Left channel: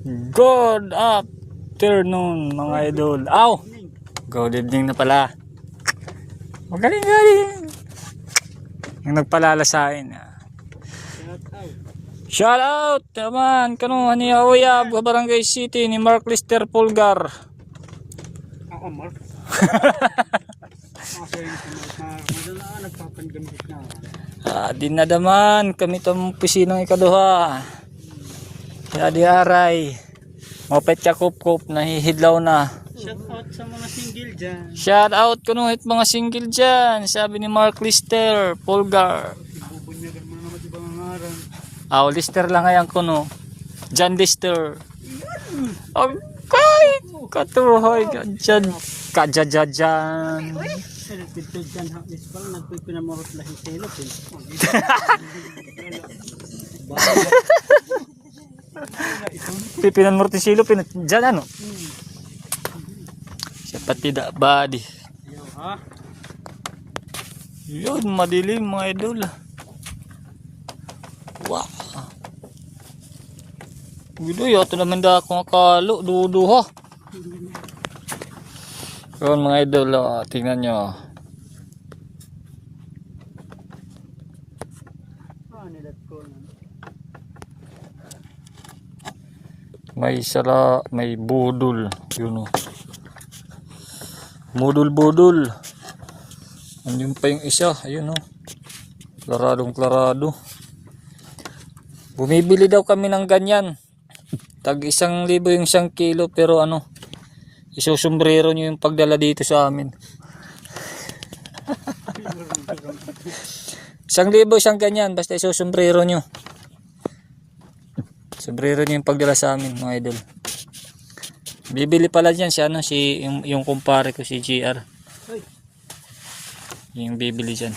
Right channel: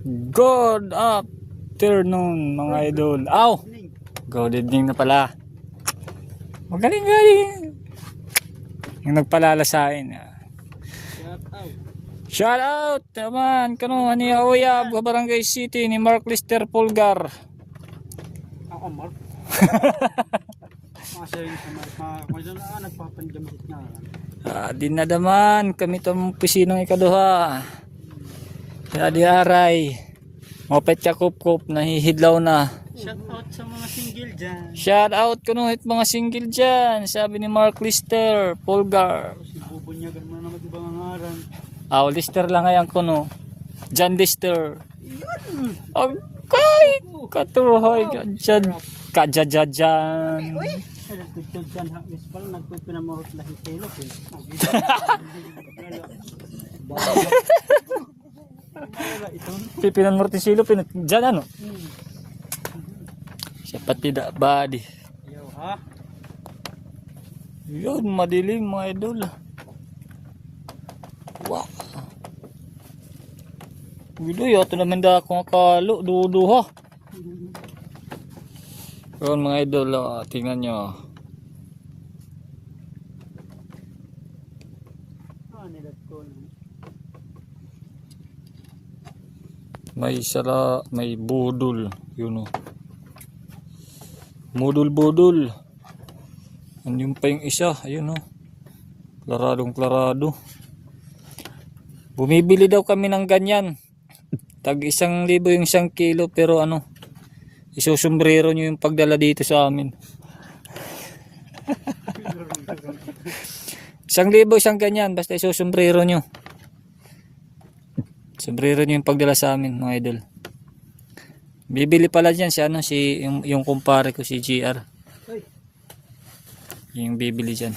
Good afternoon mga idol. Aw! Good evening na pala. Magaling-galing. Yung nagpalala sa akin. Shout out naman kano ni Uyab Barangay City ni Mark Lister Pulgar. Ako Mark. Dinadaman kami itong pisinang ikaduha. Di aray. Mopet ka kup-kup, nahihidlaw na. Shout out sa mga single dyan. Shout out kunuhit mga single dyan. Sabi ni Mark Lister Pulgar. Bubunyagan mo naman ibang ngaran. Lister lang ngayon kuno. John Lister. Okay. Katuhoy dyan. Kajajajan. Nagpipil dyan hapis pala. Nagpipinamurot lahi telo. Pipinan mortisilo dyan ano. Siya tidak badi. Ayaw ha. Yun madilim mga idol. Wow. Gudo yato naman da akong akalo. Dudo ha. Yun mga idol. Tingnan nyo. Nilat ko na. May sala, may budol. Yun o. Budol-budol. Ano pa yung isa? Ayun o. Klaradong-klarado. Bumibili daw kami ng ganyan. Tag 1,000 yung 1 kilo. Pero ano, isusumbrero nyo yung pagdala dito sa amin. 1,000 isang ganyan. Basta isusumbrero nyo. Sombrero nyo yung pagdala sa amin mga idol. Bibili pala dyan si ano, yung kumpare ko si GR. Yung bibili dyan.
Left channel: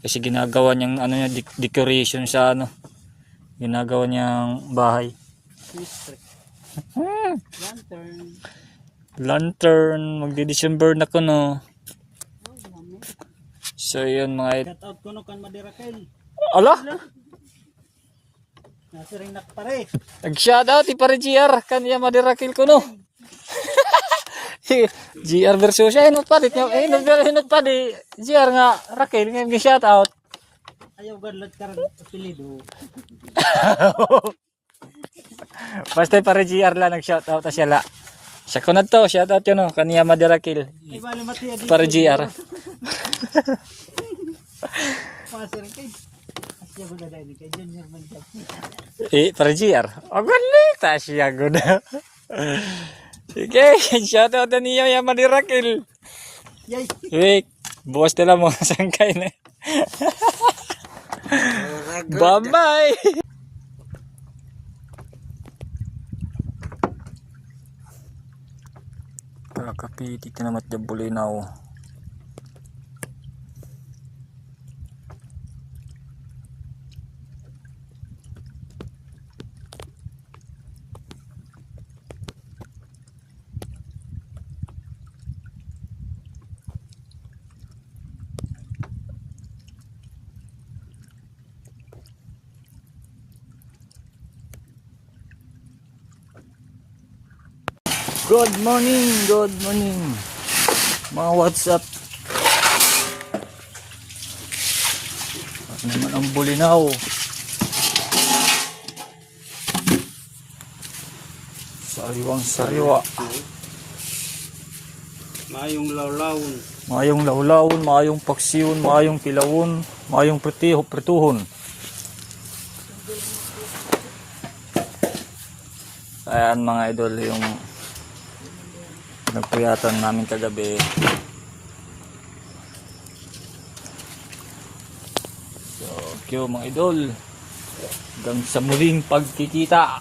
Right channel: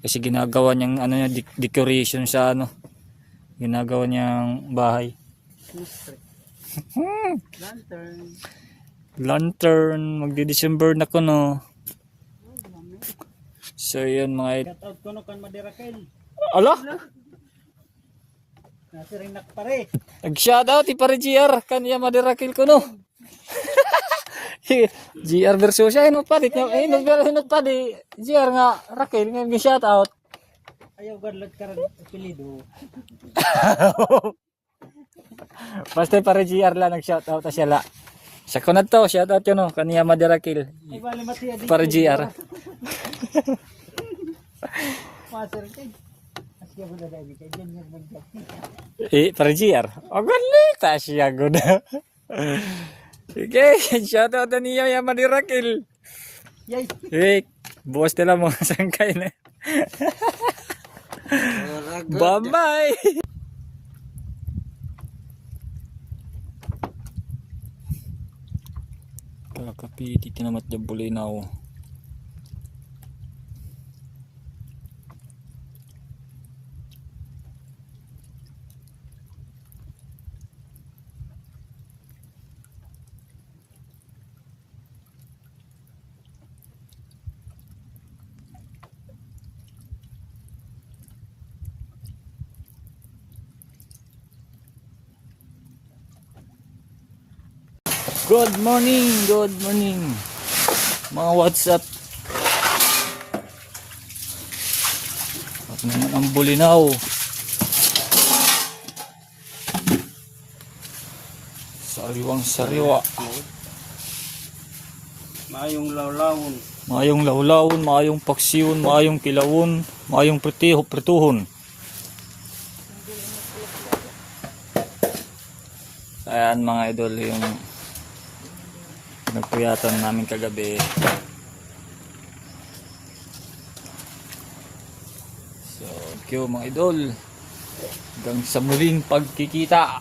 Kasi ginagawa niyang ano niya, decoration sa ano. Ginagawa niyang bahay. Lantern. Lantern. Magdi-December na ko no. So yun mga idol. Shout out ko no kan Madirakel. Ala! Nasiring nakpare. Nag-shoutout ipare GR. Kanya madirakil ko no. GR version siya. Hinot pa di. Hinot pa di. GR nga. Rakil. Ngayon shoutout. Ayaw gadlot ka rin apelido. Basta ipare GR lang nag-shoutout. Siya la. Siya ko na to. Shoutout yun no. Kanya madirakil. Ay bali mati adi. Ipare GR. Master kay. Asya ko dala ini kay Junior man dyan. Ipare GR. Magalita siya ko na. Sige. Shoutout na niya yung madirakil. Yay. Wait. Bukas nila mo. Sangkay na. Bye-bye. Kakapiti tinamat dyan bulinaw. Good morning, mga WhatsApp. At naman ang bulinaw. Sariwang-sariwa. Mayong lawlawon. Mayong lawlawon, mayong paksiyon, mayong kilawon, mayong prituhon. Ayan mga idol yung nagpuyatan namin kagabi. So, thank you mga idol. Hanggang sa muling pagkikita.